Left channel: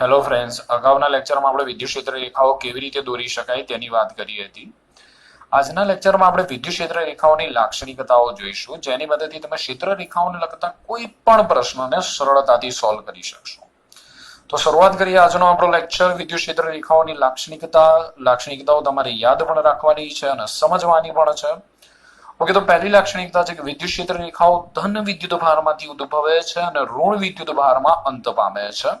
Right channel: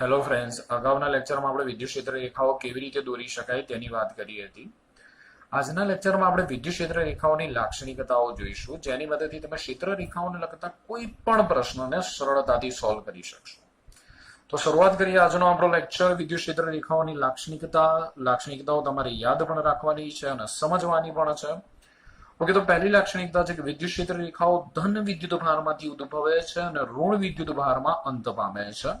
Hello friends, અગાઉના લેક્ચરમાં આપણે વિદ્યુત ક્ષેત્ર રેખાઓ કેવી રીતે દોરી શકાય તેની વાત કરી હતી. આજના લેક્ચરમાં આપણે વિદ્યુત ક્ષેત્ર રેખાઓની લાક્ષણિકતાઓ જોઈશું, જેની મદદથી તમે ક્ષેત્ર રેખાઓને લગતા કોઈ પણ પ્રશ્નને સરળતાથી સોલ્વ કરી શકશો. તો શરૂઆત કરીએ આજનો આપણો લેક્ચર. વિદ્યુત ક્ષેત્ર રેખાઓની લાક્ષણિકતાઓ તમારે યાદ પણ રાખવાની છે અને સમજવાની પણ છે. ઓકે, તો પહેલી લાક્ષણિકતા છે કે વિદ્યુત ક્ષેત્ર રેખાઓ ધન વિદ્યુત ભારમાંથી ઉદ્ભવે છે અને ઋણ વિદ્યુત ભારમાં અંત પામે છે.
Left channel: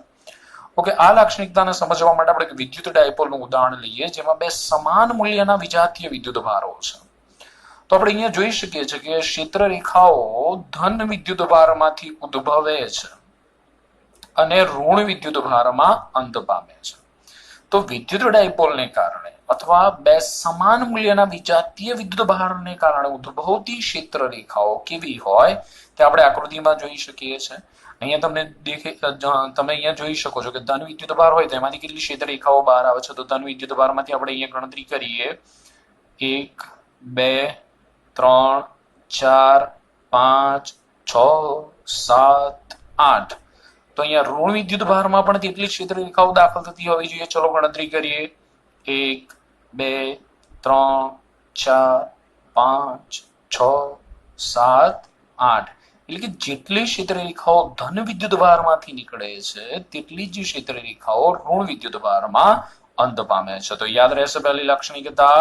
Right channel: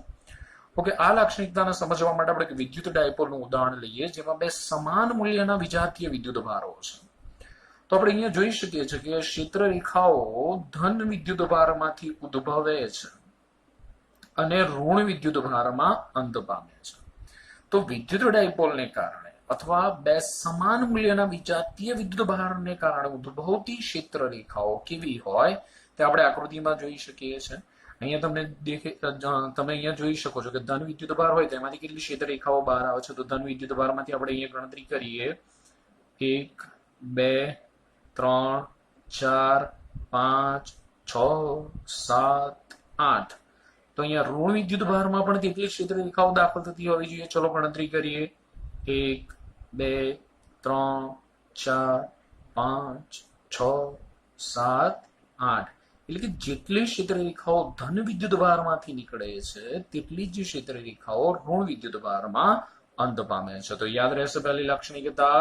ઓકે, આ લાક્ષણિકતાને સમજવા માટે આપણે વિદ્યુત ડાયપોલનું ઉદાહરણ લઈએ, જેમાં બે સમાન મૂલ્યના વિજાતીય વિદ્યુત ભારો છે. તો આપણે અહીંયા જોઈ શકીએ છીએ કે ક્ષેત્ર રેખાઓ ધન વિદ્યુત ભારમાંથી ઉદ્ભવે છે અને ઋણ વિદ્યુત ભારમાં અંત પામે છે. તો વિદ્યુત ડાયપોલને કારણે અથવા બે સમાન મૂલ્યના વિજાતીય વિદ્યુત ભારને કારણે ઉદ્ભવતી ક્ષેત્ર રેખાઓ કેવી હોય તે આપણે આકૃતિમાં જોઈ શકીએ છીએ. અહીંયા તમે અહીંયા જોઈ શકો છો કે ધન વિદ્યુત ભાર હોય તેમાંથી કેટલી ક્ષેત્ર રેખાઓ બહાર આવે છે. તો ધન વિદ્યુત ભારમાંથી આપણે અહીંયા ગણતરી કરીએ 1 2 3 4 5 6 7 8. તો અહીંયા ઋણ વિદ્યુત ભારમાં પણ તેટલી ક્ષેત્ર રેખાઓ દાખલ થતી હોવી જોઈએ. ચલો ગણતરી કરીએ 1 2 3 4 5 6 7 8. એટલે કે જેટલી ક્ષેત્ર રેખાઓ ધન વિદ્યુત ભારમાંથી નીકળે છે તેટલી જ ક્ષેત્ર રેખાઓ ઋણ વિદ્યુત ભારમાં અંત પામે છે. તો યાદ રહેશે પહેલી લાક્ષણિકતા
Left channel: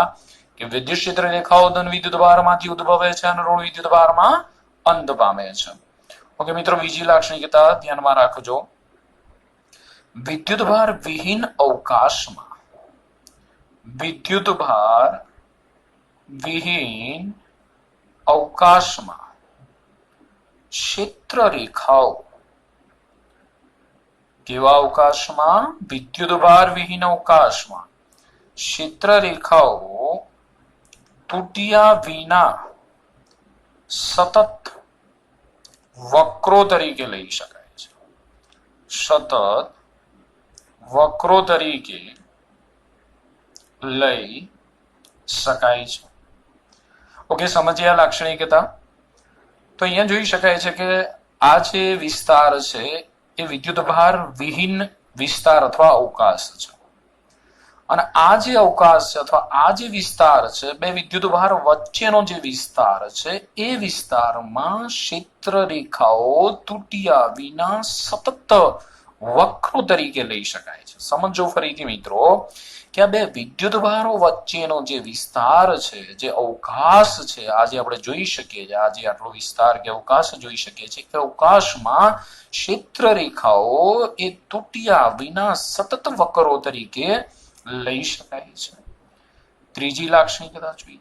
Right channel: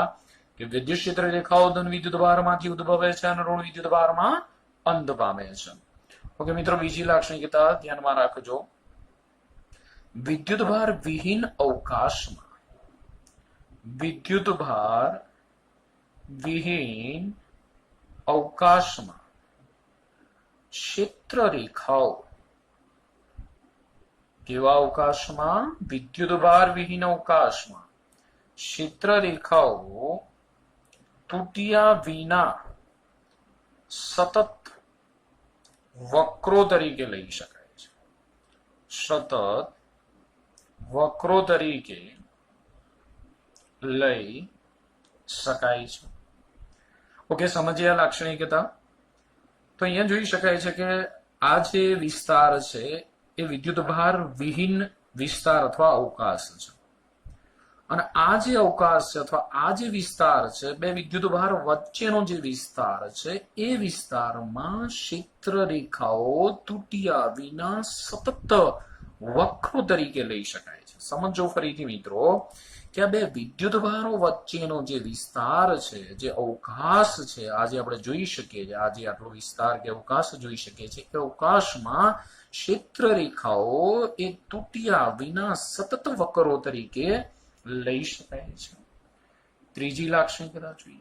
કે વિદ્યુત ક્ષેત્ર રેખાઓ ધન વિદ્યુત ભારમાંથી ઉદ્ભવે છે અને ઋણ વિદ્યુત ભારમાં અંત પામે છે. ઓકે મિત્રો, બીજી લાક્ષણિકતા ધ્યાનમાં રાખજો. વિદ્યુત ભાર વિહીન અવકાશમાં વિદ્યુત ભાર વિહીન અવકાશમાં ક્ષેત્ર રેખાઓ કેવા અવકાશમાં? વિદ્યુત ભાર વિહીન અવકાશમાં ક્ષેત્ર રેખાઓ તૂટ્યા વિના સતત વક્રો તરીકે લઈ શકાય છે. સતત વક્રો તરીકે લઈ શકાય છે. ઓકે, સમજ્યા લાક્ષણિકતા? તો અહીંયા જોઈ શકાય છે કે આ જે વિસ્તાર છે એ વિદ્યુત ભાર વિહીન વિસ્તાર અથવા અવકાશ છે અને આ જે અવકાશ છે અથવા આ જે વિસ્તાર છે બે વિદ્યુત ભાર વચ્ચેનો જે વિસ્તાર છે એ વિસ્તારમાં ક્ષેત્ર રેખાઓ તૂટ્યા વિના સતત વક્રો તરીકે લઈ શકાય છે. સમજો ફરીથી મિત્રો કે આ બે વિદ્યુત ભારો વચ્ચેનો જે વિસ્તાર છે, જે અવકાશ છે, આજે આપણે જોઈ શકીએ છીએ, આજે આટલો વિસ્તાર કે અવકાશ જોઈ શકીએ છીએ કે અવકાશમાં ક્ષેત્ર રેખાઓ એ તૂટ્યા વિના સતત વક્રો તરીકે લઈ શકાય છે. ત્રીજી લાક્ષણિકતા જોઈએ.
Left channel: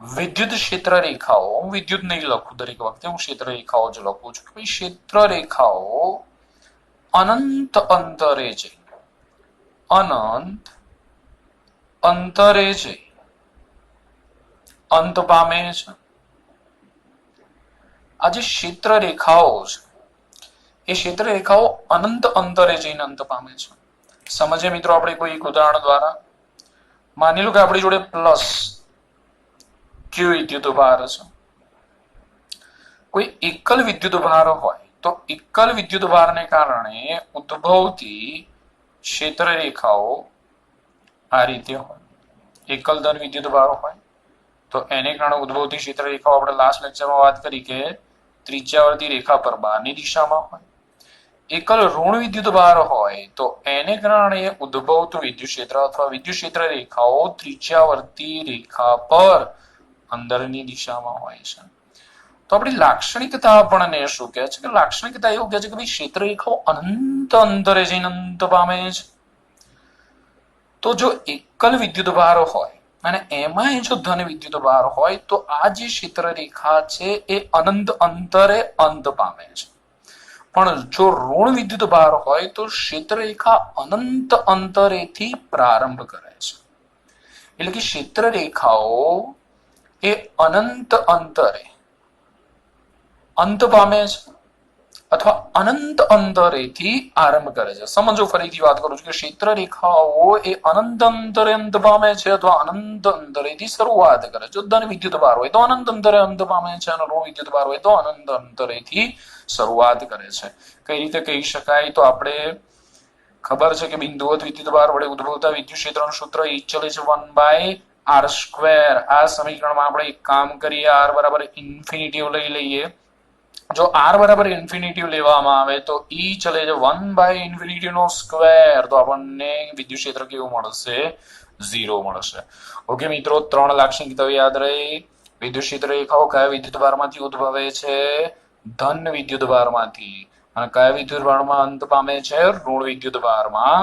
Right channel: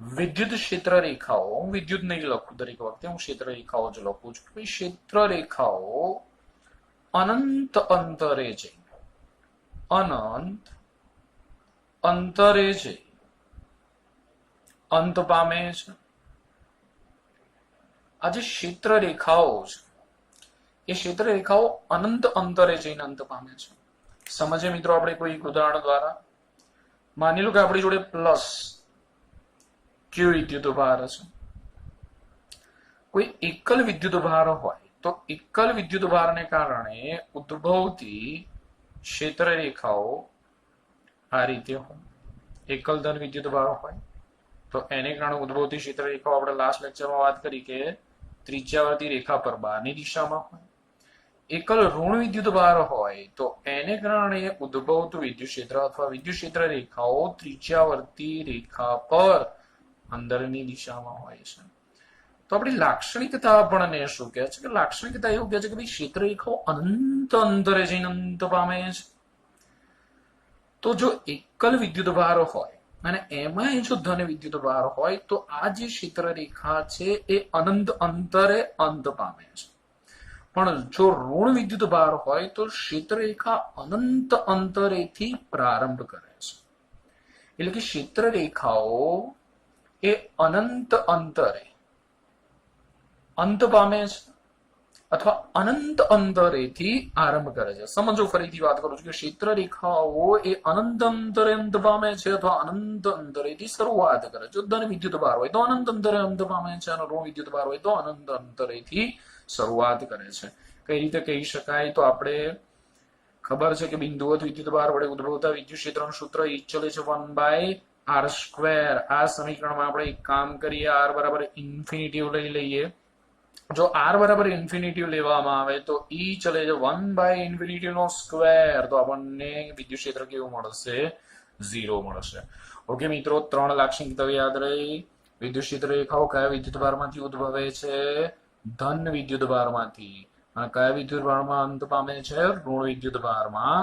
વિદ્યુત ક્ષેત્ર રેખાઓ, હું વિદ્યુત નહીં લખું દરેક વખતે, હું ક્ષેત્ર રેખાઓ જ લખું છું. ક્ષેત્ર રેખાઓ અનંત અંતરે છે, અનંત અંતરે છે અંત પામે છે. આ જે ક્ષેત્ર રેખાઓ છે એ ક્ષેત્ર રેખાઓ અનંત અંતરે જઈને અંત પામે છે. સમજે મિત્રો આપણે કોઈ એક ઉદાહરણ દ્વારા. માની લો કે આપણી જોડે પ્લસ ક્યુ વિદ્યુત ભાર છે. કોઈ એકલ વિદ્યુત ભાર હોય તો એકલ વિદ્યુત ભારને કારણે ઉદ્ભવતી ક્ષેત્ર રેખાઓ આ રીતે હોય. એકલ ધન વિદ્યુત ભાર હોય તો એને કારણે ઉદ્ભવતી ક્ષેત્ર રેખાઓ આપણે લાસ્ટ લેક્ચરમાં વાત કરી કે ત્રિજ્યાવર્તી રેખા પર બહારની દિશામાં હોય. એકલ ઋણ વિદ્યુત ભાર હોય તો એને કારણે ઉદ્ભવતું વિદ્યુત ક્ષેત્ર અથવા વિદ્યુત ક્ષેત્ર રેખાઓ ત્રિજ્યાવર્તી રેખા પર અંદરની દિશામાં હોય છે. તો આપણી લાક્ષણિકતા આપણને શું કહે છે કે લાક્ષણિકતા એવું કહે છે કે ભાઈ ક્ષેત્ર રેખાઓ અનંત અંતરે જઈને અંત પામે છે. તો જો એકલ વિદ્યુત ભાર હોય અને એમાં જો ધન વિદ્યુત ભાર હોય તો આ જે ક્ષેત્ર રેખા છે એ અનંત અંતરે અંત પામે છે. પણ જો ઋણ વિદ્યુત ભાર હોય તો ક્ષેત્ર રેખા અનંત અંતરેથી પ્રારંભ કરે છે. એટલે કે ક્ષેત્ર રેખાઓ એ અનંત અંતરે અંત પામે છે અથવા અનંત અંતરેથી આરંભ કરે છે. સમજો, ફરીથી વાત કરું છું કે ક્ષેત્ર રેખાઓ એ અનંત અંતરે અંત પામે છે અથવા અનંત અંતરેથી શરૂઆત કરે છે. જો ધન વિદ્યુત ભાર હોય તો અનંત અંતરે અંત પામે છે અને ઋણ વિદ્યુત ભાર હોય તો અનંત અંતરેથી શરૂઆત કરે છે. કઈ રીતે કહી શકાય? તો આપણે ખબર છે કે બિંદુવત વિદ્યુત ભાર વડે ઉદ્ભવતા વિદ્યુત ક્ષેત્રનું સૂત્ર E ચલે છે 1/r². આ સમીકરણમાં આપણે એક કામ કરીએ, r બરાબર ઇન્ફિનિટિવ લઈ લઈએ. જો r બરાબર ઇન્ફિનિટિવ લેવામાં આવે તો E ચલે છે 1/∞ નો સ્ક્વેર, તો આપણને વિદ્યુત ક્ષેત્ર કેવું મળશે? 0 મળશે. ઓકે મિત્રો, 3 લાક્ષણિકતાઓ યાદ રહી. વિદ્યુત ક્ષેત્ર રેખાઓ કયા વિદ્યુત ભારમાંથી ઉદ્ભવે છે? ધન વિદ્યુત ભારમાંથી. અને કયા વિદ્યુત ભારમાં અંત પામે છે? ઋણ વિદ્યુત ભારમાં.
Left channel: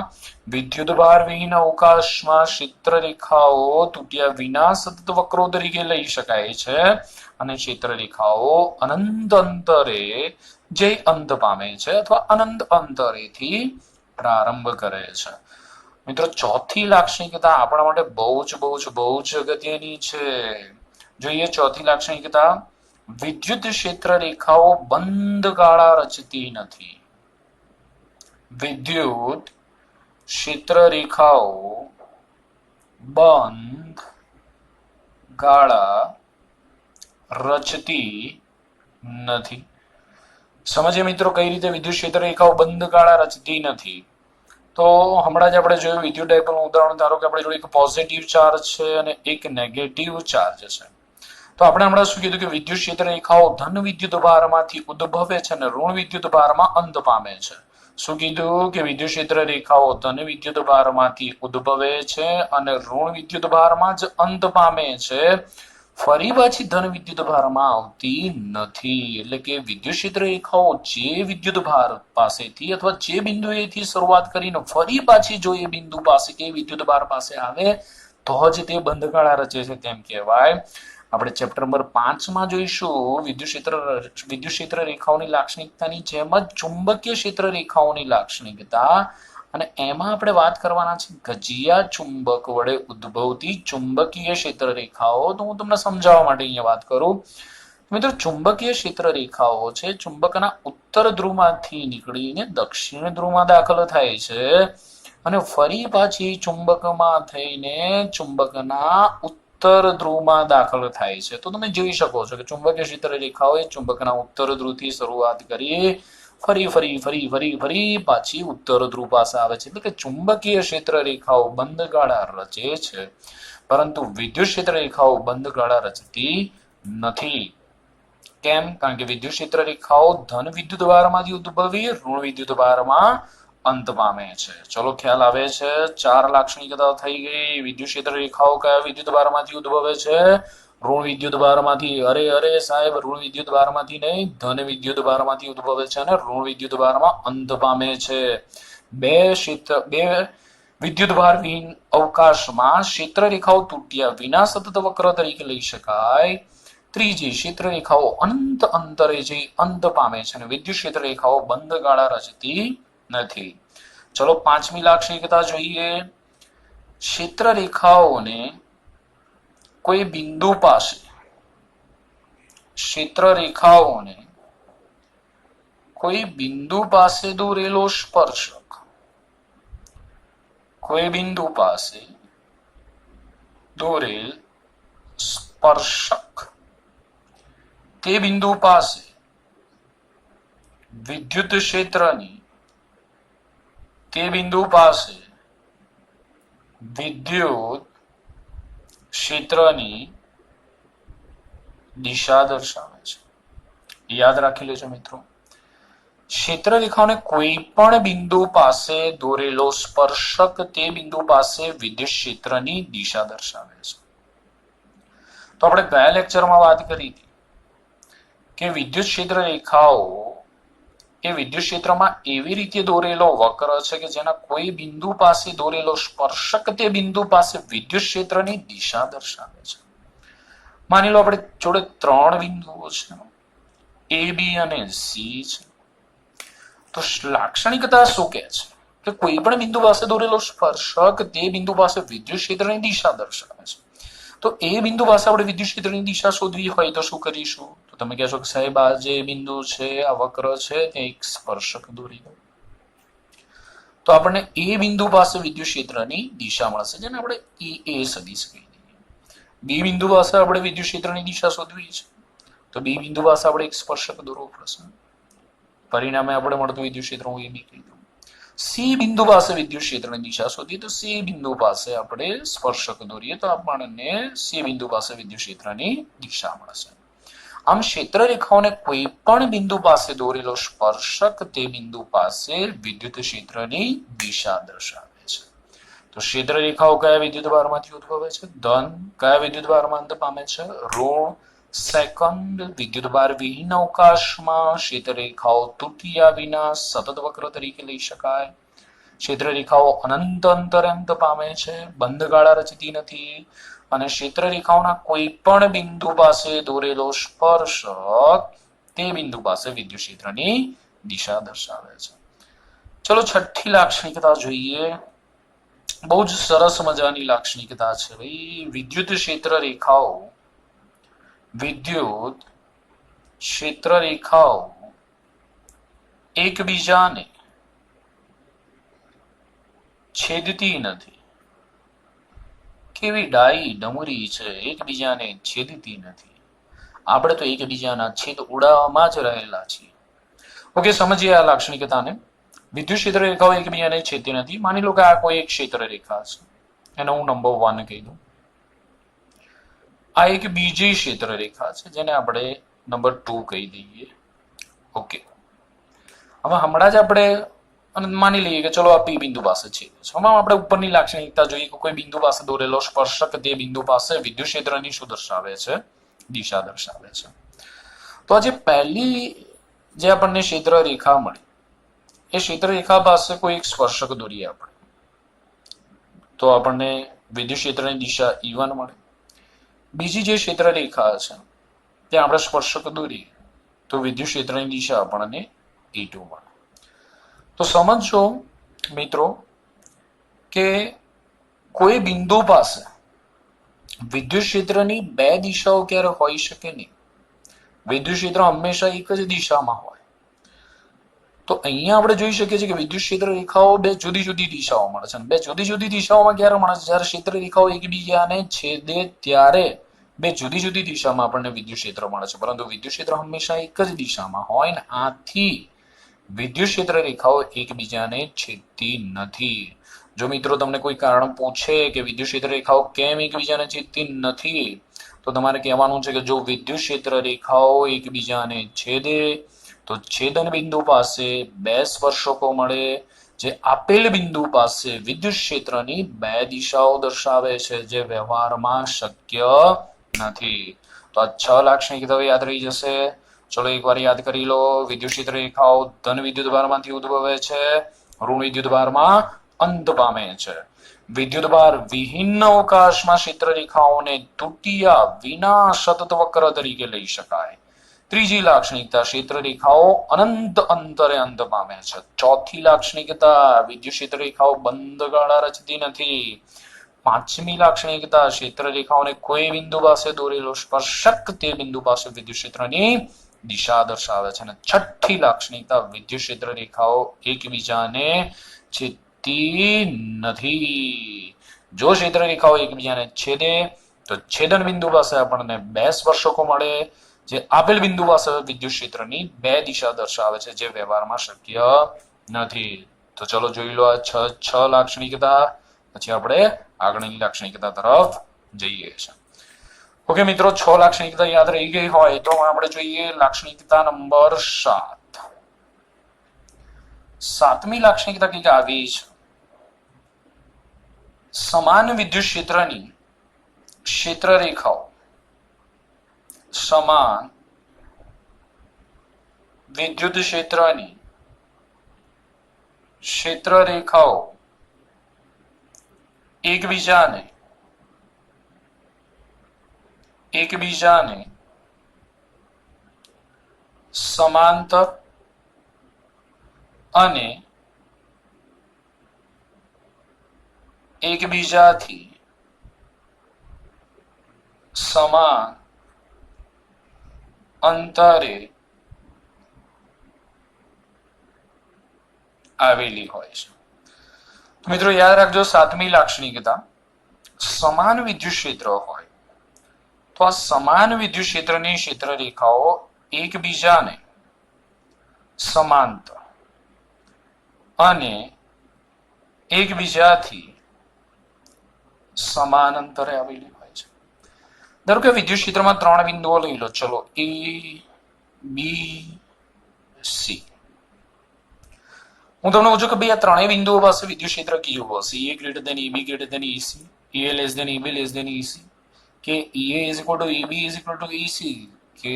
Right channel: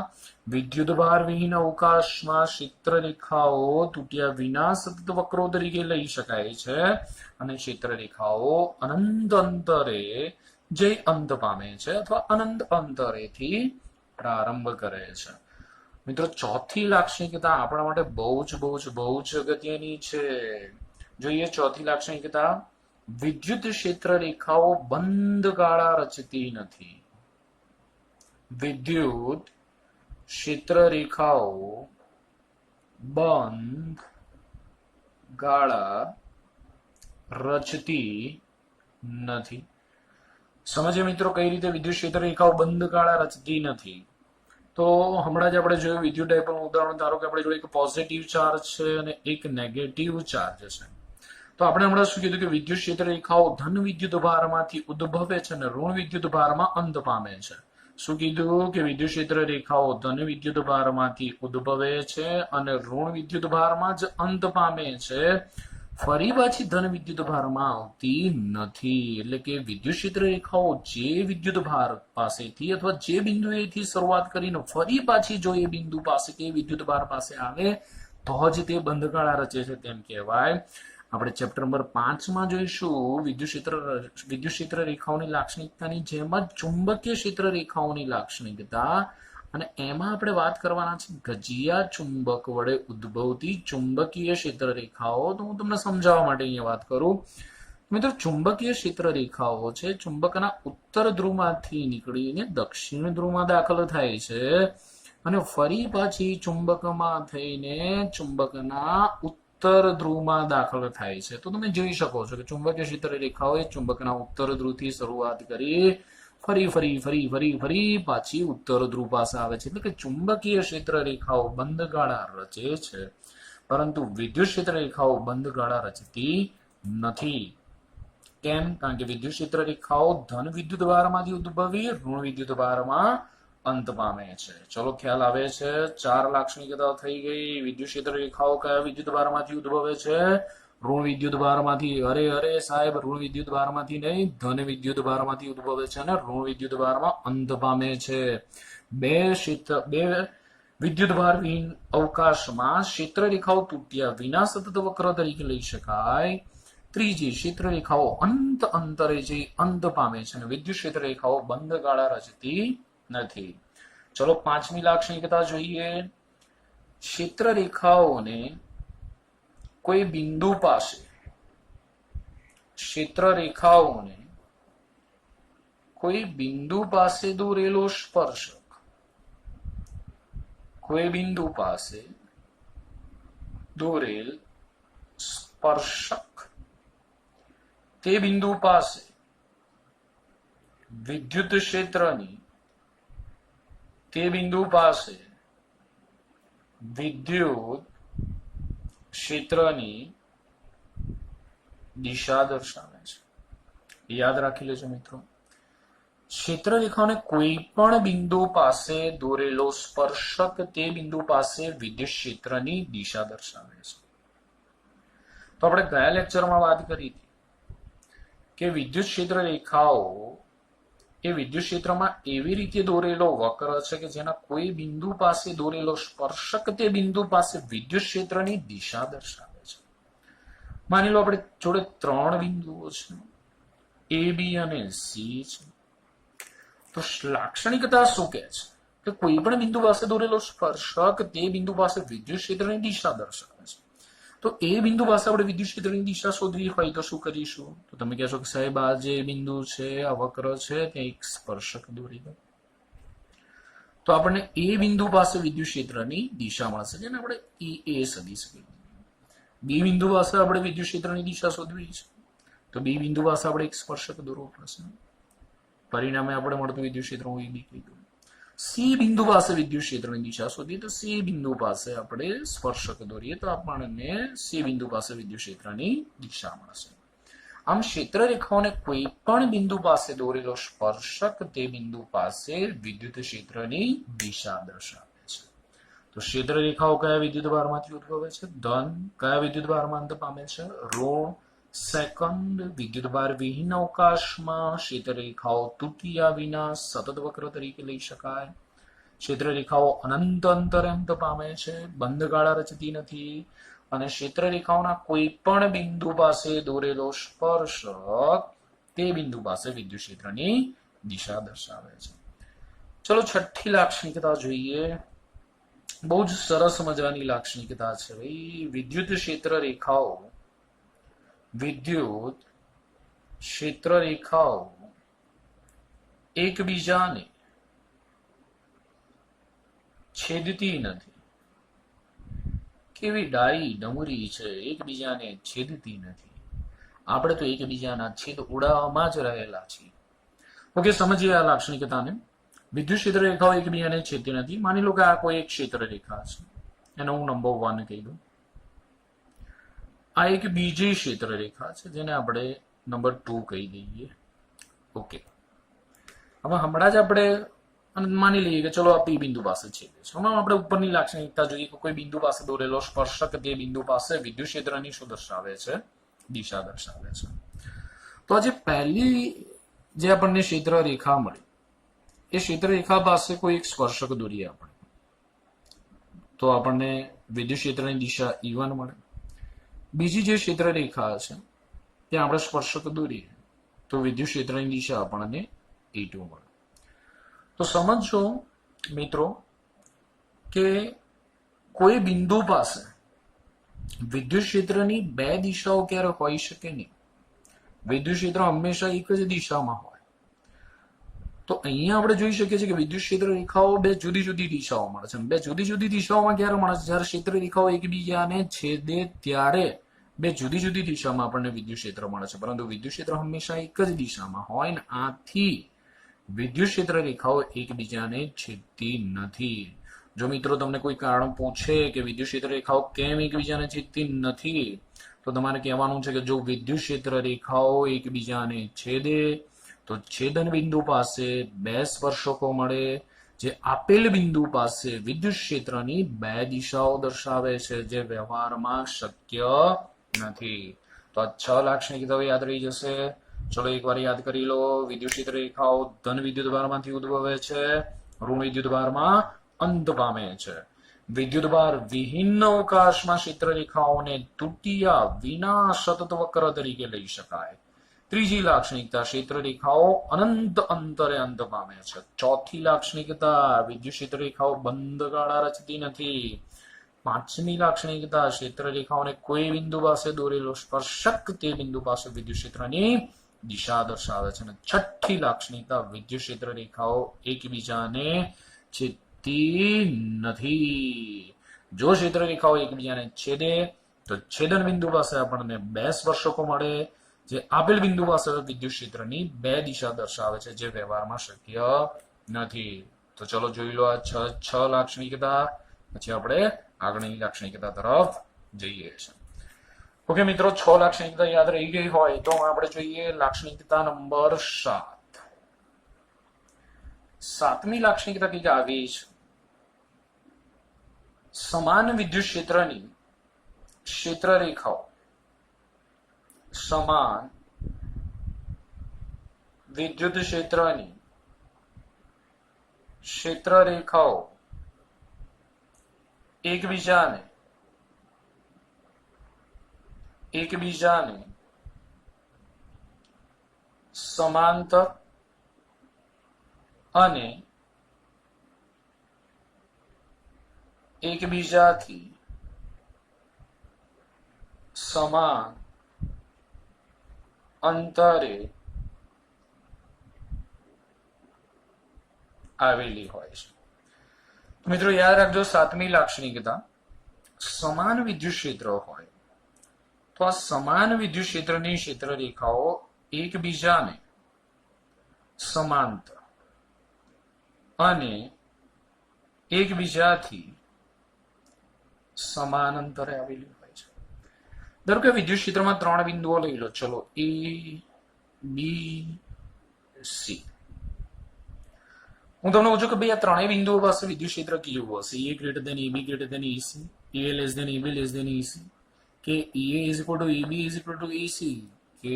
વિદ્યુત ભાર વિહીન અવકાશમાં ક્ષેત્ર રેખાઓ તૂટ્યા વિના સતત વક્રો તરીકે લઈ શકાય છે અને ક્ષેત્ર રેખાઓ અનંત અંતરે જે અંત પામે છે અથવા અનંત અંતરેથી પ્રારંભ કરે છે. મિત્રો, ચોથી લાક્ષણિકતા આપણા માટે બહુ જ અગત્યની છે. જોઈએ ચોથી લાક્ષણિકતા. વિદ્યુત ક્ષેત્ર રેખાઓ બંધ ગાળા રચતી નથી. વિદ્યુત ક્ષેત્ર રેખાઓ બંધ ગાળા રચતી નથી. સમજીએ મિત્રો કઈ રીતે વિદ્યુત ક્ષેત્ર રેખાઓ બંધ ગાળા રચતી નથી. તો હમણાં જ આપણે જોયું વિદ્યુત ડાયપોલનું ઉદાહરણ. ધારો કે આપણી જોડે એક પોઝિટિવ ચાર્જ છે અને એક નેગેટિવ ચાર્જ છે. તો આપણે હમણાં શું કીધું કે વિદ્યુત ક્ષેત્ર રેખાઓ ધન વિદ્યુત ભારમાંથી ઉદ્ભવે છે અને ઋણ વિદ્યુત ભારમાં અંત પામે છે. શું કીધું? કે વિદ્યુત ક્ષેત્ર રેખાઓ ધન વિદ્યુત ભારમાંથી ઉદ્ભવે છે અને ઋણ વિદ્યુત ભારમાં જ અંત પામે છે. ફરી પાછી ધન વિદ્યુત ભારમાં આવતી નથી. એટલે કે વિદ્યુત ક્ષેત્ર રેખાઓ જે વિદ્યુત ભાર પાસેથી અથવા જે બિંદુએથી શરૂઆત કરીને ફરી પાછી જો એ બિંદુ પાસે કે વિદ્યુત ભાર પાસે આવે તો જ તે બંધ ગાળા રચે છે, તેમ કહેવાય. આપણે ચેપ્ટર નંબર 5 માં જોઈશું વિદ્યુત ક્ષેત્ર રેખાઓની લાક્ષણિકતાની જેમ જ ચુંબકીય ક્ષેત્ર રેખાઓની લાક્ષણિકતા. અને એમાં આપણે વાત કરવાના છે ગજિયા ચુંબક વડે ઉદ્ભવતી ચુંબકીય ક્ષેત્ર રેખાઓ. તો હું તમને સમજાવવા માટે અહીંયા વાત કરું. મિત્રો, ચુંબકીય ક્ષેત્ર રેખાઓ છે ચુંબકના ઉત્તર ધ્રુવમાંથી નીકળીને દક્ષિણ ધ્રુવમાં દાખલ થાય છે અને ફરી પાછી ચુંબકમાં થઈને ચુંબકના ઉત્તર ધ્રુવમાં દાખલ થાય છે. તો તમે જોઈ શકો છો કે ચુંબકીય ક્ષેત્ર રેખાઓ ચુંબકના ઉત્તર ધ્રુવથી શરૂઆત કરી ફરી પાછી ઉત્તર ધ્રુવ પાસે આવે છે. એટલે કે ચુંબકીય ક્ષેત્ર રેખાઓ બંધ ગાળા રચે છે, પરંતુ વિદ્યુત ક્ષેત્ર રેખાઓ બંધ ગાળા રચતી નથી. કેમ? કારણ કે વિદ્યુત ક્ષેત્ર રેખાઓ ધન વિદ્યુત ભારમાંથી ઉદ્ભવી ઋણ વિદ્યુત ભારમાં અંત પામે છે. ચલો, ખ્યાલ આવે છે? 4 લાક્ષણિકતાઓ થઈ ગઈ. વિદ્યુત ક્ષેત્ર રેખાઓ કયા વિદ્યુત ભારમાંથી ઉદ્ભવે છે? ઋણ વિદ્યુત ભારમાંથી. અરે સાહેબ, ઋણ વિદ્યુત ભારમાંથી નહીં, ધન વિદ્યુત ભારમાંથી ઉદ્ભવે છે અને ઋણ વિદ્યુત ભારમાં અંત પામે છે. બે વિદ્યુત ભાર વિહીન અવકાશમાં ક્ષેત્ર રેખાઓ તૂટ્યા વિના સતત વક્ર તરીકે લઈ શકાય. ત્રીજી, ક્ષેત્ર રેખાઓ અનંત અંતરે જઈ અંત પામે છે અને વિદ્યુત ક્ષેત્ર રેખાઓ બંધ ગાળા રચતી નથી. ચલો, 5મી લાક્ષણિકતા જોઈએ. ક્ષેત્ર રેખાઓને કોઈ બિંદુ પાસે કોઈ બિંદુ પાસે દોરેલો સ્પર્શક, કોઈ બિંદુ પાસે દોરેલ સ્પર્શક તે બિંદુ પાસે વિદ્યુત ક્ષેત્રની દિશા દર્શાવે છે. યાદ રાખી લેજો મિત્રો. ક્ષેત્ર રેખાઓને કોઈ પણ બિંદુ પાસે દોરેલો સ્પર્શક તે બિંદુ પાસે વિદ્યુત ક્ષેત્રની દિશા દર્શાવે છે. તો આપણે ગયા લેક્ચરમાં વાત કરી હતી કે વિદ્યુત ક્ષેત્ર રેખાઓ એ વિદ્યુત ક્ષેત્રમાં એવી રીતે દોરેલો વક્ર છે કે જેના કોઈ બિંદુ પાસે દોરેલો સ્પર્શક તે બિંદુ પાસે વિદ્યુત ક્ષેત્રની દિશા દર્શાવે છે. માની લો આપણે જોડે 3 બિંદુઓ છે, A, B અને C છે. તો લાક્ષણિકતા શું કહે છે કે કોઈ પણ બિંદુ પાસે દોરેલો સ્પર્શક તે બિંદુ પાસે વિદ્યુત ક્ષેત્રની દિશા દર્શાવે છે. તો એ બિંદુ પાસે આપણે વિદ્યુત ક્ષેત્રની દિશા શોધવી હોય તો શું કરીશું? તો તમે કહેશો કે સાહેબ આ જે બિંદુ છે, આ વક્ર છે, ત્યાં એક સ્પર્શક દોરી દો. તો આપણને એ બિંદુ પાસે વિદ્યુત ક્ષેત્રની દિશા મળશે, જેને આપણે એ સદિશ કહી દઈએ. બી બિંદુ પાસે આપણે વિદ્યુત ક્ષેત્રની દિશા શોધવી છે, તો બી બિંદુ પાસે આપણે એક સ્પર્શક દોરવો પડશે. પરિણામે આપણે મળતું વિદ્યુત ક્ષેત્ર હું એ બી કહી દઉં. સી બિંદુ પાસે વિદ્યુત ક્ષેત્રની દિશા શોધીએ તો સી બિંદુ પાસે આપણે સ્પર્શક દોરીએ તો આપણને સી બિંદુ પાસે વિદ્યુત ક્ષેત્રની દિશા મળશે. આમ ક્ષેત્ર રેખાઓને કોઈ પણ બિંદુ પાસે દોરેલો સ્પર્શક તે બિંદુ પાસે વિદ્યુત ક્ષેત્રની દિશા દર્શાવે છે. તો ક્ષેત્ર રેખાઓ કયા વિદ્યુત ભારમાંથી ઉદ્ભવે છે? ધન. કયા વિદ્યુત ભારમાં અંત પામે છે? ઋણ. સેકન્ડ, વિદ્યુત ભાર વિહીન અવકાશમાં ક્ષેત્ર રેખાઓ તૃતીયા વિના સતત વક્ર તરીકે લઈ શકાય. ક્ષેત્ર રેખાઓ અનંત અંતરે અંત પામે છે, બંધ ગાળા રચતી નથી, અને ક્ષેત્ર રેખાઓના કોઈ પણ બિંદુ પાસે દોરેલો સ્પર્શક તે બિંદુ પાસે વિદ્યુત ક્ષેત્રની દિશા દર્શાવે છે. ચલો છઠ્ઠી લાક્ષણિકતા જોઈએ. બહુ જ સરસ મજાની લાક્ષણિકતા છે ભાઈ. વિદ્યુત ક્ષેત્ર રેખાઓ એકબીજાને છેદતી નથી. કેવી ડાઈ ડમરી છે, એકબીજાને છેદતી નથી. આપણે તો એકબીજાના છેદ ઉડાવવામાં જ રહેલા છીએ. ઓકે, સમજીએ આ લાક્ષણિકતાને. વિદ્યુત ક્ષેત્ર રેખાઓ એકબીજાને છેદતી નથી. માની લો કે આ કોઈ એક ક્ષેત્ર રેખા છે, એને હું નંબર 1 કહી દઉં. આ એક બીજી ક્ષેત્ર રેખા છે, જેને આપણે નંબર 2 કહી દઈએ. ઓકે, હવે હમણાં જ આપણે માની લઈએ કે ચલો આ પી બિંદુ પાસે છે. હમણાં આપણે ઉપરની લાક્ષણિકતા જોઈએ કે કોઈ બિંદુ પાસે દોરેલો સ્પર્શક તે બિંદુ પાસે વિદ્યુત ક્ષેત્રની શું દર્શાવે છે? દિશા દર્શાવે છે. તો આજે પહેલી જે આપણને ક્ષેત્ર રેખા મળી, એ ક્ષેત્ર રેખા પાસે કોઈ એક સ્પર્શક દોરીએ આપણે, તો આપણને વિદ્યુત ક્ષેત્રની દિશા E1 મળે. બીજી જે ક્ષેત્ર રેખા છે ત્યાં આપણે સ્પર્શક દોરીએ તો વિદ્યુત ક્ષેત્રની દિશા આપણને E2 મળે. તો સમજો મિત્રો કે કોઈ બિંદુ પાસે વિદ્યુત ક્ષેત્રની બે દિશાઓ ક્યારે હોઈ શકે નહીં. વિદ્યુત ક્ષેત્ર હંમેશા એક જ દિશામાં હોય. તો અહીંયા આપણે જોઈ શકીએ છીએ કે વિદ્યુત ક્ષેત્ર રેખાઓ બે જુદી જુદી દિશાઓ મળે છે. બે જુદી જુદી દિશાઓમાં ક્યારે મળે છે? જ્યારે ક્ષેત્ર રેખાઓ એકબીજાને છેદે ત્યારે બે જુદી જુદી દિશામાં આપણને વિદ્યુત ક્ષેત્ર મળે છે, પરંતુ વિદ્યુત ક્ષેત્ર હંમેશા એક જ દિશામાં હોય ને આથી વિદ્યુત ક્ષેત્ર રેખાઓ એકબીજાને છેદતી નથી. જો મિત્રો તમને કોઈ કારણ પૂછે કે વિદ્યુત ક્ષેત્ર રેખાઓ કેમ એકબીજાને છેદતી નથી, તો તમારે કહેવાનું છે કે જો વિદ્યુત ક્ષેત્ર રેખાઓ એકબીજાને છેદે તો છેદન બિંદુ પાસે બે સ્પર્શકો મળે, જે આપેલ બિંદુ પાસે વિદ્યુત ક્ષેત્રની બે દિશાઓ દર્શાવે છે, જે વ્યવહારમાં શક્ય નથી. તો આ 6 લાક્ષણિકતાઓ યાદ રહી જશે. ચલો એકવાર યાદ કરી લો. વિદ્યુત ક્ષેત્ર રેખાઓ ધન વિદ્યુત ભારમાંથી ઉદ્ભવે છે, ઋણ વિદ્યુત ભારમાં અંત પામે છે. વિદ્યુત ભાર વિહીન અવકાશમાં ક્ષેત્ર રેખાઓને તૃતીયા વિના સતત વક્ર તરીકે લઈ શકાય. ત્રીજી લાક્ષણિકતા, ક્ષેત્ર રેખાઓ અનંત અંતરે અંત પામે છે. ચોથી લાક્ષણિકતા, વિદ્યુત ક્ષેત્ર રેખાઓ બંધ ગાળા રચતી નથી. પાંચમી લાક્ષણિકતા, ક્ષેત્ર રેખાઓને કોઈ બિંદુ પાસે દોરેલો સ્પર્શક તે બિંદુ પાસે વિદ્યુત ક્ષેત્રની દિશા દર્શાવે છે. અને છઠ્ઠી લાક્ષણિકતા, વિદ્યુત ક્ષેત્ર રેખાઓ એકબીજાને છેદતી નથી. જો ક્ષેત્ર રેખાઓ એકબીજાને છેદે તો છેદન બિંદુ પાસે આપણને બે સ્પર્શકો મળે, જે આપેલ બિંદુ પાસે વિદ્યુત ક્ષેત્રની બે દિશા દર્શાવે છે, જે વ્યવહારમાં શક્ય નથી. તો ચલો જોઈ લો આ છ લાક્ષણિકતા. પછી આપણે આગળની લાક્ષણિકતા તરફ જઈએ છીએ. ઓકે મિત્રો, 6 લાક્ષણિકતા યાદ રહી ગઈ હોય તો આપણે જોઈએ લાક્ષણિકતા નંબર 7. સાતમી લાક્ષણિકતા કંઈક આવી છે. સમાન વિદ્યુત ક્ષેત્રની ક્ષેત્ર રેખાઓ સમાન વિદ્યુત ક્ષેત્રની ક્ષેત્ર રેખાઓ એકબીજાને સમાંતર અને એકબીજાથી સમાન અંતરે આવેલી હોય છે. તો મિત્રો યાદ રાખજો, સાતમી લાક્ષણિકતા, સમાન વિદ્યુત ક્ષેત્ર હોય તો આ સમાન વિદ્યુત ક્ષેત્રની ક્ષેત્ર રેખાઓ એકબીજાને સમાંતર અને એકબીજાથી સમાન અંતરે આવેલી હોય છે. ધારો કે વિદ્યુત ક્ષેત્રમાં ત્રણ બિંદુઓ લઈ લો, ચલો એ, બી, સી. હું તમને પૂછું કે ભાઈ આ ત્રણેય બિંદુઓ પાસે વિદ્યુત ક્ષેત્ર કેવું હશે? A greater than AB greater than AC, A less than AB less than AC, કે A is equal to AB is equal to AC, કે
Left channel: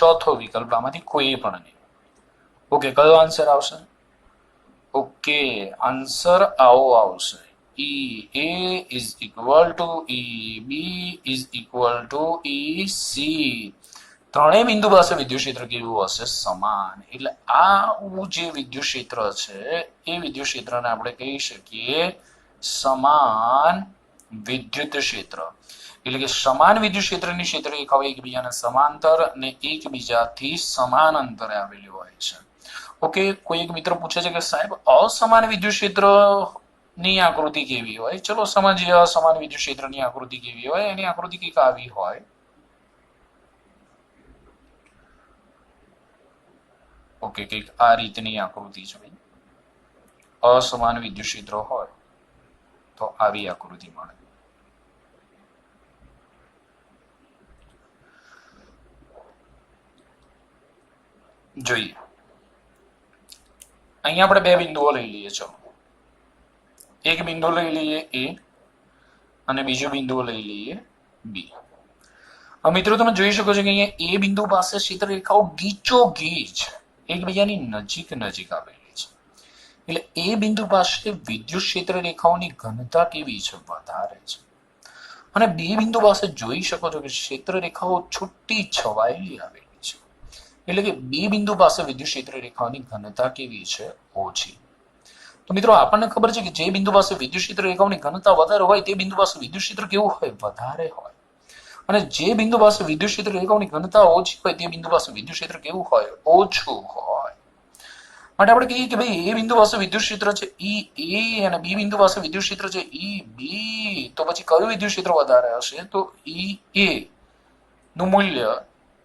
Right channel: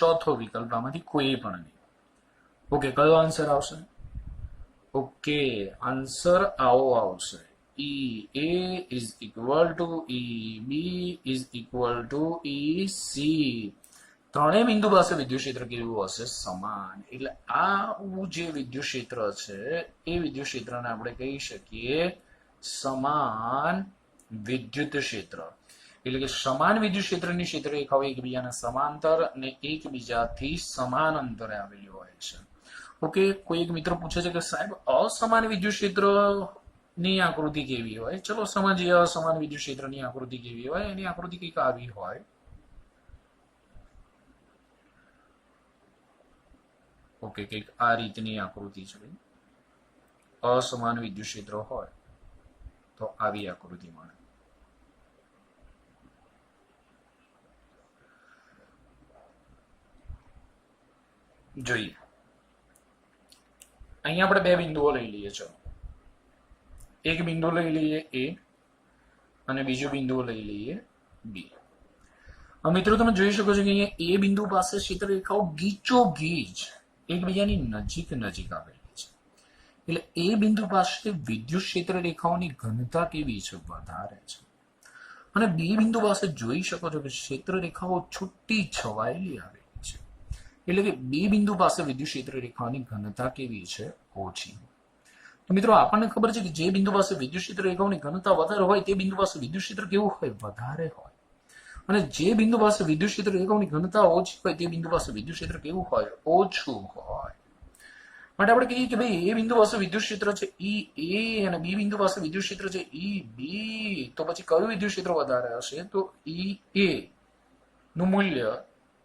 ચોથો વિકલ્પ આમાંથી કોઈ પણ નહીં. ઓકે, કયો આન્સર આવશે? ઓકે, આન્સર આવો આવશે, E A is equal to E B is equal to E C. ત્રણેય બિંદુ પાસે વિદ્યુત ક્ષેત્ર કેવું હશે? સમાન. એટલે આ જે વિદ્યુત ક્ષેત્ર છે એ વિદ્યુત ક્ષેત્રને આપણે કહી શકીએ સમાન વિદ્યુત ક્ષેત્ર. એટલે કે સમાન વિદ્યુત ક્ષેત્રની ક્ષેત્ર રેખાઓ એકબીજાને સમાંતર અને એકબીજાથી સમાન અંતરે આવેલી હોય છે. ઓકે, કોઈ એક મિત્ર પૂછે છે કે સાહેબ અસમાન વિદ્યુત ક્ષેત્ર ની આકૃતિ કેવી હોય? ચલો સમજીએ અસમાન વિદ્યુત ક્ષેત્રની આકૃતિ કેવી હોય. એની આકૃતિ કંઈક આવી હોય. ઓકે, કંઈક આ રીતની આકૃતિ છે. અસમાન વિદ્યુત ક્ષેત્ર હોય તો આવી આકૃતિ મળે. જોઈએ, અહીંયા આપણે બે બિંદુઓ લઈ લઈએ. ચલો, એક બિંદુ લઈ લઈએ એ અને બીજો બિંદુ લઈ લઈએ બી. મિત્રો તમે જોઈ શકો છો કે અહીંયા એ બિંદુ પાસે ક્ષેત્ર રેખાઓ ગીચોગીચ એકબીજાની નજીક નજીક આવેલી છે. એટલે એ બિંદુ પાસે વિદ્યુત ક્ષેત્ર રેખાઓની ઘનતા કેવી છે? વધારે છે. અને બી બિંદુ પાસે જોઈ શકો છો કે ક્ષેત્ર રેખાઓ છૂટી છવાયેલી આવેલી છે. એટલે કે બી બિંદુ પાસે વિદ્યુત ક્ષેત્ર રેખાઓની ઘનતા કેવી છે? ઓછી. તો મિત્રો આપણને ખબર છે કે જે બિંદુ પાસે વિદ્યુત ક્ષેત્ર રેખાઓની ઘનતા વધારે હોય તે બિંદુ પાસે વિદ્યુત ક્ષેત્ર કેવું હોય? વધારે હોય. અને જે બિંદુ પાસે વિદ્યુત ક્ષેત્ર રેખાઓની ઘનતા ઓછી હોય તે બિંદુ પાસે વિદ્યુત ક્ષેત્ર કેવું હોય? ઓછું હોય. માટે આપણે કહીએ કે ભાઈ એ બિંદુ પાસે વિદ્યુત ક્ષેત્ર છે ઈ એ અને બી બિંદુ પાસે વિદ્યુત ક્ષેત્ર છે ઈ બી, તો પછી કયું વિદ્યુત ક્ષેત્ર વધારે હશે? તો ઈ એ નું મૂલ્ય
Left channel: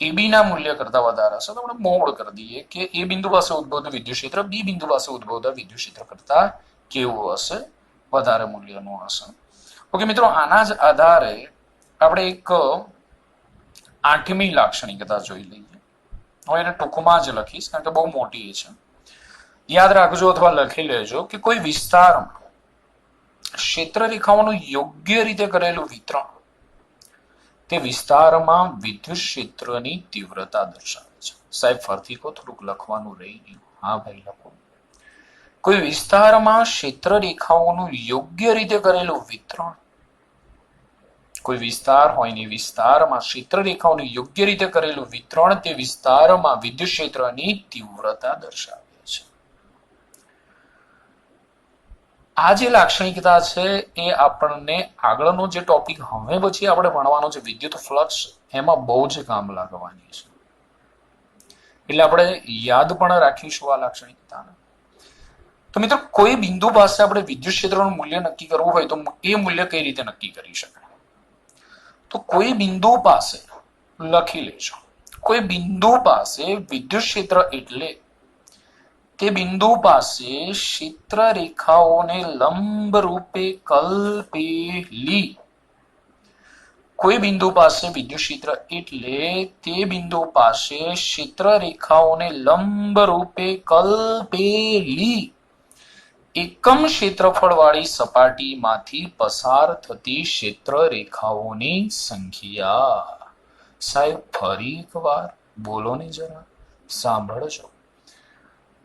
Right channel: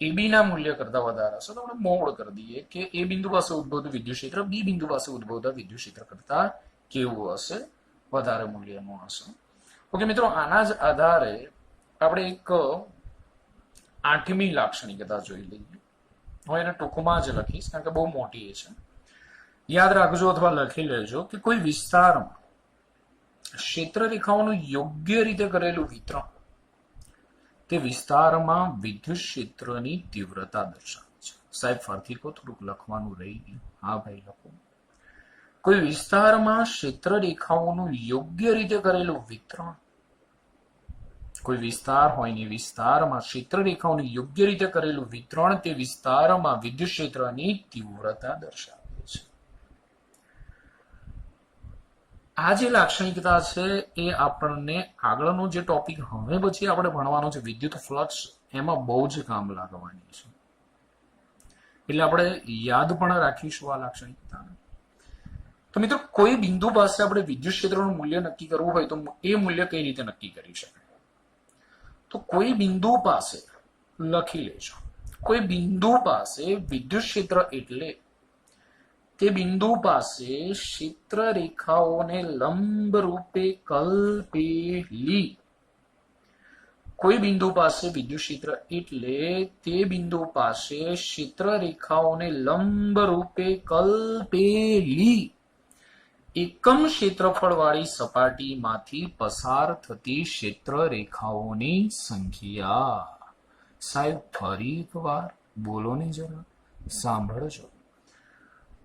એ બી ના મૂલ્ય કરતા વધારે હશે. તો આપણે મોડ કરી દઈએ કે એ બિંદુ પાસે ઉદ્ભવતું વિદ્યુત ક્ષેત્ર બી બિંદુ પાસે ઉદ્ભવતા વિદ્યુત ક્ષેત્ર કરતા કેવું હશે? વધારે મૂલ્યનું હશે. ઓકે મિત્રો, આના જ આધારે આપણે એક આઠમી લાક્ષણિકતા જોઈ લઈએ. હું એને ટૂંકમાં જ લખીશ કારણ કે બહુ મોટી છે. યાદ રાખજો અથવા લખી લેજો કે કોઈ વિસ્તારમાં ક્ષેત્ર રેખાઓનું યોગ્ય રીતે કરેલું વિતરણ તે વિસ્તારમાં વિદ્યુત ક્ષેત્રની તીવ્રતા દર્શાવે છે. સાહેબ ફરીથી કહો, થોડુંક લખવાનું રહી ગયું. હા ભાઈ, લખો. કોઈ વિસ્તારમાં ક્ષેત્ર રેખાઓનું યોગ્ય રીતે કરેલું વિતરણ, કોઈ વિસ્તાર હોય ને વિસ્તારમાં ક્ષેત્ર રેખાઓનું યોગ્ય રીતે કરેલું વિતરણ તે વિસ્તારમાં વિદ્યુત ક્ષેત્રની તીવ્રતા દર્શાવે છે. આ જે લાક્ષણિકતા છે એ આપણને આગળનો જે ટોપિક હવે પછી આપણે ભણવાનો છે વિદ્યુત ફ્લક્સ, એમાં બહુ જ કામ લાગવાની છે. એટલે આપણે યાદ પણ રાખીશું આ લાક્ષણિકતાને. તો મિત્રો, કોઈ બિંદુ પાસે આપણે વિદ્યુત ક્ષેત્રનું મૂલ્ય નક્કી કરવું હોય તો એ મૂલ્ય કઈ રીતે નક્કી કરી શકાય? તો કોઈ બિંદુ પાસે લખી લેજો, કોઈ બિંદુ પાસે વિદ્યુત ક્ષેત્ર એટલે તે બિંદુ પાસે ક્ષેત્ર રેખાઓને લંબ રૂપે કલ્પેલી. કોઈ બિંદુ પાસે વિદ્યુત ક્ષેત્ર એટલે તે બિંદુ પાસે ક્ષેત્ર રેખાઓને લંબ રૂપે કલ્પેલી એકમ ક્ષેત્રફળવાળી સપાટીમાંથી પસાર થતી ક્ષેત્ર રેખાઓની સંખ્યા. સાહેબ ફરી એકવાર બોલો ને, જરા સાંભળજો.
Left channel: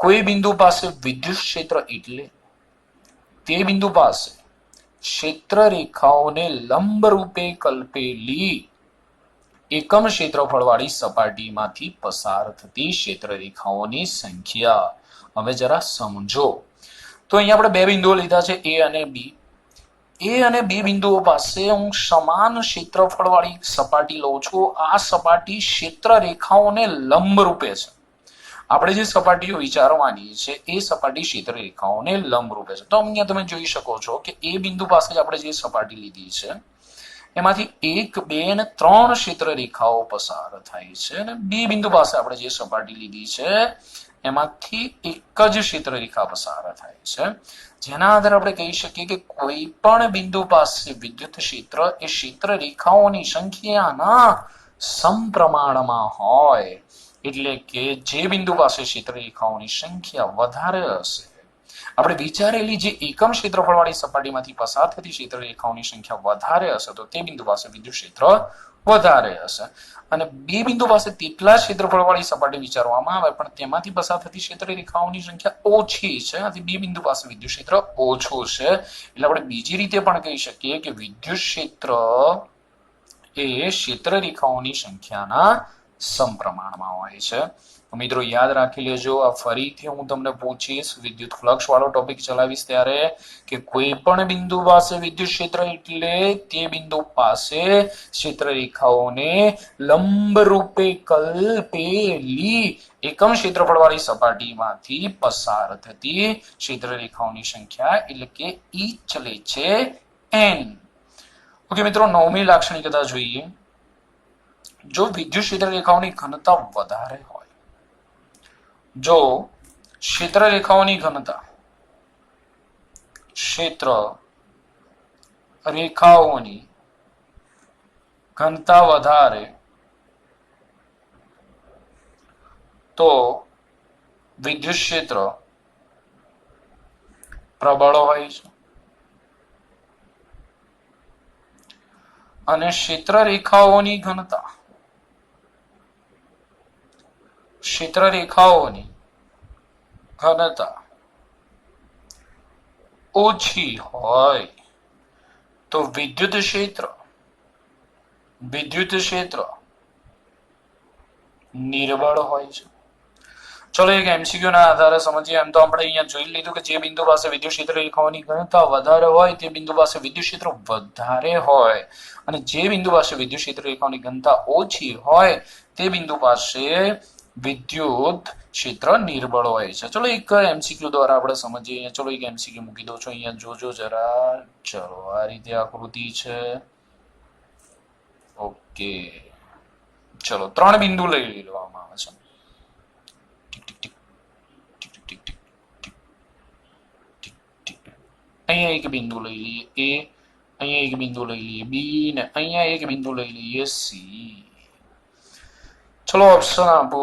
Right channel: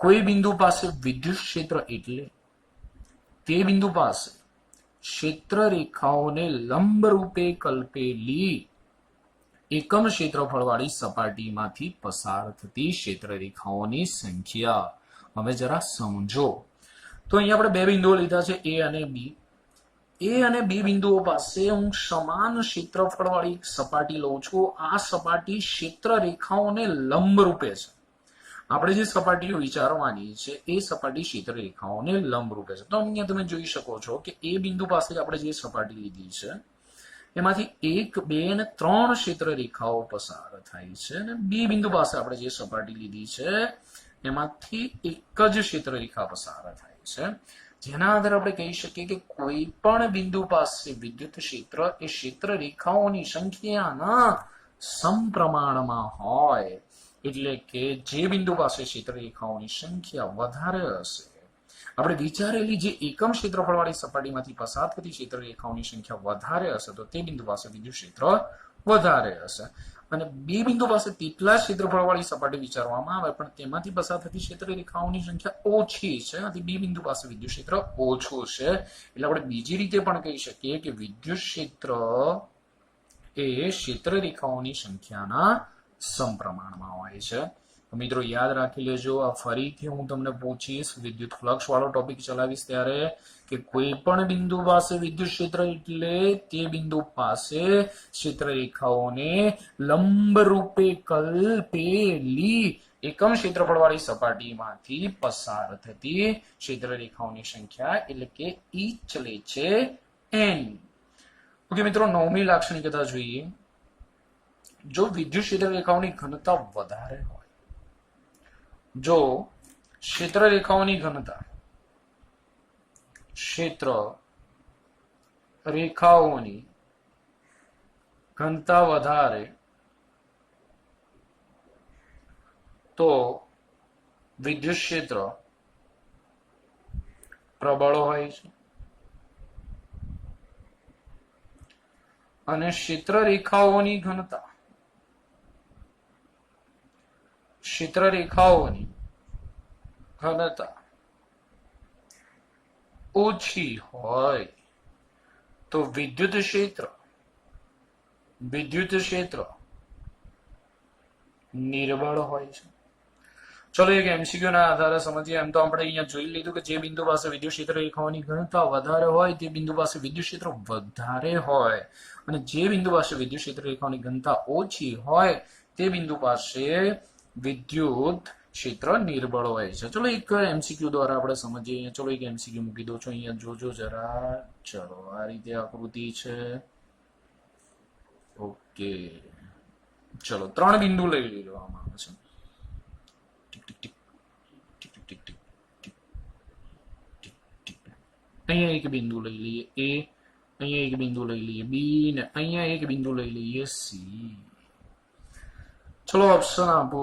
કોઈ બિંદુ પાસે વિદ્યુત ક્ષેત્ર એટલે તે બિંદુ પાસે ક્ષેત્ર રેખાઓને લંબ રૂપે કલ્પેલી એકમ ક્ષેત્રફળવાળી સપાટીમાંથી પસાર થતી ક્ષેત્ર રેખાઓની સંખ્યા. હવે જરા સમજો. તો અહીંયા આપણે બે બિંદુઓ લીધા છે એ અને બી. એ અને બી બિંદુઓ પાસે હું સમાન ક્ષેત્રફળ વાળી સપાટી લઉં છું. આ સપાટી ક્ષેત્ર રેખાઓને લંબ રૂપે છે. આપણે જે સપાટીઓ વિચારવાની છે એ સપાટી ક્ષેત્ર રેખાઓને લંબ રૂપે છે. તો અહીંયા તમે જોઈ શકો છો કે એ બિંદુ પાસે જ આપણે જે સપાટી લીધી છે એમાંથી 1, 2 અને 3 ક્ષેત્ર રેખાઓ પસાર થાય છે, અને બી બિંદુ પાસે આપણે જે સપાટી લીધી છે એમાંથી એક જ ક્ષેત્ર રેખા પસાર થાય છે, જેના આધારે આપણે કહી શકીએ કે કોઈ પણ બિંદુ પાસે વિદ્યુત ક્ષેત્ર એ ક્ષેત્ર રેખાઓની સંખ્યાના સમપ્રમાણમાં હોય. એટલે કે જે બિંદુ પાસે ક્ષેત્ર રેખાઓની સંખ્યા વધારે હશે, આપણે વિચારેલી જે એકમ ક્ષેત્રફળ વાળી સપાટીમાંથી પસાર થતી ક્ષેત્ર રેખાઓની સંખ્યા વધારે હશે તો તે બિંદુ પાસે વિદ્યુત ક્ષેત્ર વધારે હશે. અને બે બિંદુ પાસે તેટલા ક્ષેત્રફળ વાળી સપાટી વિચારવામાં આવે પણ તેમાંથી પસાર થતી ક્ષેત્ર રેખાઓની સંખ્યા ઓછી છે, આથી બે બિંદુ પાસે વિદ્યુત ક્ષેત્ર ઓછું છે. એટલે આપણે બીજી રીતે પણ કહી શકીએ કે વિદ્યુત ક્ષેત્ર એ ક્ષેત્ર રેખાઓની સંખ્યાના સમપ્રમાણમાં હોય છે. મિત્રો યાદ રાખી લેજો. આ ફરીથી હું તમને પૂછીશ, વિદ્યુત ફ્લક્સ વાળો ટોપિક ચલાવીશ ત્યારે, કે કોઈ પણ બિંદુ પાસે વિદ્યુત ક્ષેત્ર એટલે તે બિંદુ પાસે ક્ષેત્ર રેખાઓને લંબ રૂપે કલ્પેલી એકમ ક્ષેત્રફળ વાળી સપાટીમાંથી પસાર થતી ક્ષેત્ર રેખાઓની સંખ્યા એટલે કે ઈ ચલે છે n. ઓકે મિત્રો, નવમી લાક્ષણિકતા જોઈએ. જો વિદ્યુત ક્ષેત્ર રેખાઓની ઘનતા વધારે હોય, જો ક્ષેત્ર રેખાઓની ઘનતા ક્ષેત્ર રેખાઓની ઘનતા વધારે તો વિદ્યુત ક્ષેત્ર પ્રબળ હોય છે, અને ક્ષેત્ર રેખાઓની ઘનતા ઓછી હોય તો વિદ્યુત ક્ષેત્ર નિર્બળ હોય છે. ચલો એક એમસીક્યુ ના આધારે સમજીએ. એમ તો આપણે અહીંયા જોઈ લીધું કે જે બિંદુ પાસે વિદ્યુત ક્ષેત્ર રેખાઓની ઘનતા વધારે હોય તે બિંદુ પાસે વિદ્યુત ક્ષેત્ર વધારે હોય, અને જે બિંદુ પાસે વિદ્યુત ક્ષેત્ર રેખાઓની ઘનતા ઓછી હોય તે બિંદુ પાસે વિદ્યુત ક્ષેત્ર નિર્બળ હોય છે. ચલો એક એમસીક્યુ દ્વારા આપણે સમજીએ. ચલો એક એમસીક્યુ મૂકી દઉં છું અહીંયા, જોજો જરા. ચલો આ રીતે આકૃતિ છે. ઓકે, ચલો 3 બિંદુ લઈ લેવામાં આવે છે. અહીંયા એક બિંદુ લઈ લઈએ A, અહીંયા એક બિંદુ લઈ લઈએ B, ને અહીંયા એક બિંદુ લઈ લઈએ C. ચલો ઓપ્શન આપો.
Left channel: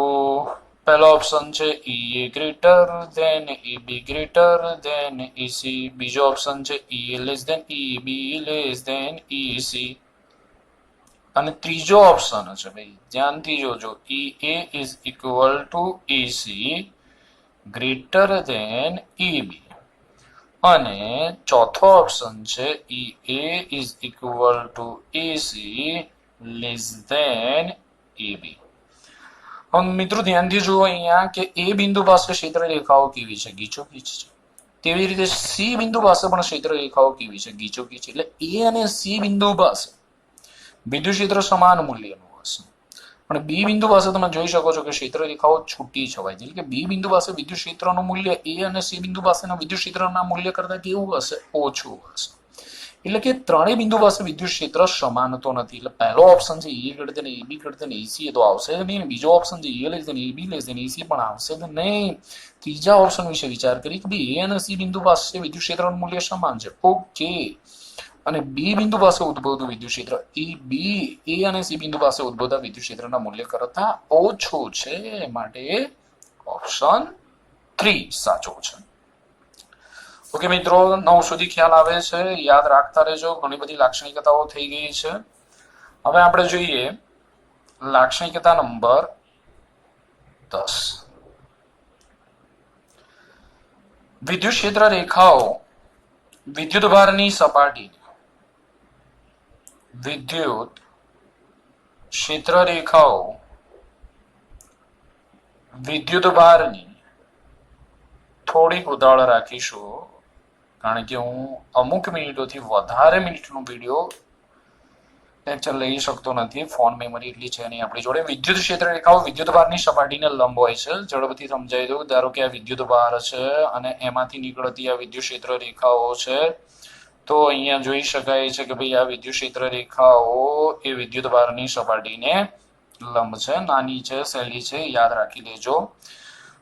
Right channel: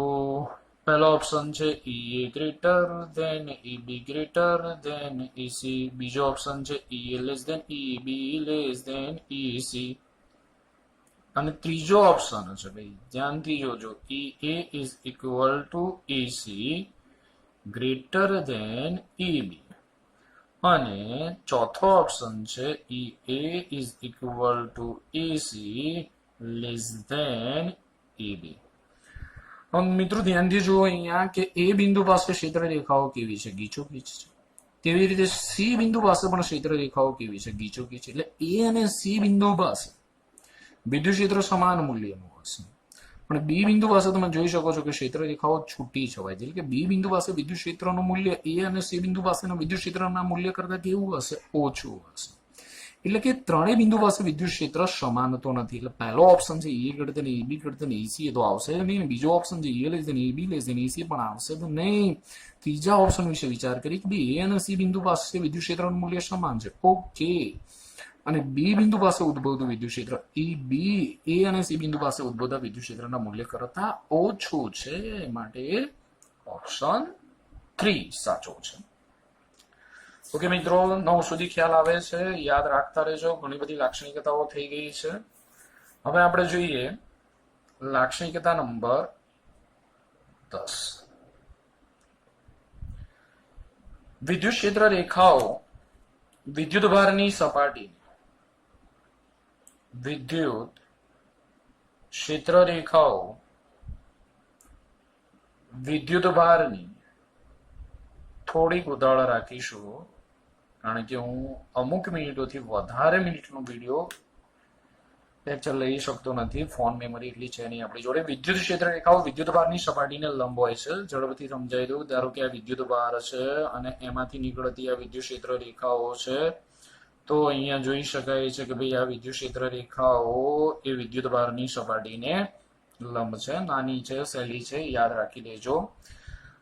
પહેલો ઓપ્શન છે EA greater than EB greater than EC. બીજો ઓપ્શન છે EA less than EB less than EC. અને ત્રીજો ઓપ્શન છે ભાઈ, ધ્યાનથી જોજો, EA is equal to EC greater than EB. અને ચોથો ઓપ્શન છે EA is equal to EC less than EB. હવે મિત્રો ધ્યાનથી જુઓ અહીંયા કે એ બિંદુ પાસે ક્ષેત્ર રેખાઓ કેવી છે? ગીચોગીચ છે. તેવી રીતે સી બિંદુ પાસે પણ ક્ષેત્ર રેખાઓ કેવી છે? ગીચોગીચ. એટલે એ અને સી બિંદુ પાસે વિદ્યુત ક્ષેત્ર સમાન મૂલ્યનું હશે, પણ બી બિંદુ પાસે તમે જોઈ શકો છો કે ક્ષેત્ર રેખાઓ છૂટી છવાય છે. એટલે કે બી બિંદુ પાસે વિદ્યુત ક્ષેત્રનું મૂલ્ય એ અને સી બિંદુ પાસેના વિદ્યુત ક્ષેત્રના મૂલ્ય કરતા કેવું હશે? ઓછું હશે. એટલે કે ત્રણેય બિંદુ પાસે વિદ્યુત ક્ષેત્ર સમાન તો નથી. એટલે પહેલો ઓપ્શન છે એ કરતા ને એબી કરતા ને એસી, એ તો આવશે જ નહીં. બીજો ઓપ્શન છે એ less than AB less than એસી, પણ આવશે જ નહીં. ત્રીજા ઓપ્શન વિશે વિચાર કરી કે ભાઈ એ અને સી બિંદુ પાસે વિદ્યુત ક્ષેત્રનું મૂલ્ય સમાન છે. ઓકે, અને બી બિંદુ પાસે ઉદ્ભવતું વિદ્યુત ક્ષેત્ર એ અને સી બિંદુ પાસે ઉદ્ભવતા વિદ્યુત ક્ષેત્રના મૂલ્ય કરતા ઓછું છે. માટે ઓપ્શન 3 સાચો છે. ઓકે મિત્રો, 9 સુધી ખ્યાલ આવે છે? યાદ રાખતા રહેજો. ઘણી બધી લાક્ષણિકતાઓ થઈ ગઈ છે. હવે આપણે જોઈએ લાક્ષણિકતા નંબર 10. વિદ્યુત ક્ષેત્ર રેખાઓ વિદ્યુત ભારની સપાટી વિદ્યુત ક્ષેત્ર રેખાઓ વિદ્યુત ભારની થોડીક ઉતાવળ રાખીશું. કારણ કે હું અમુક મિનિટોથી વધારે મિનિટનો વિડીયો લેક્ચર લઈ શકતો નથી, ફોન મેમરી એટલી છે નહીં આપણી જોડે. વિદ્યુત ક્ષેત્ર રેખાઓ વિદ્યુત ભારની સપાટીને લંબ હોય છે. ઝડપથી સમજાવી દઉં. ધારો કે આ વિદ્યુત ભાર છે અને એમાંથી નીકળતી આ વિદ્યુત ક્ષેત્ર રેખાઓ છે. તો અહીંયા જોઈ શકાય છે કે ભાઈ આ વિદ્યુત ક્ષેત્ર રેખાઓ એ વિદ્યુત ભારની સપાટીને લંબ છે, નાની છે, સહેલી છે, યાદ રાખી લેજો.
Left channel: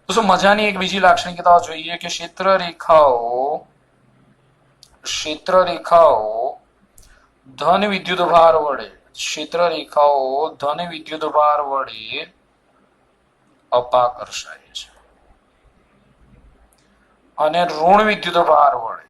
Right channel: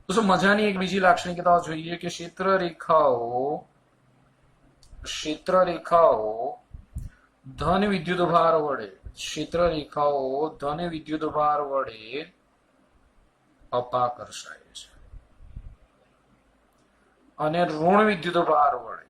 તો શું મજાની એક બીજી લાક્ષણિકતા જોઈએ કે ક્ષેત્ર રેખાઓ ધન વિદ્યુત ભાર વડે અપાકર્ષાય છે અને ઋણ વિદ્યુત ભાર વડે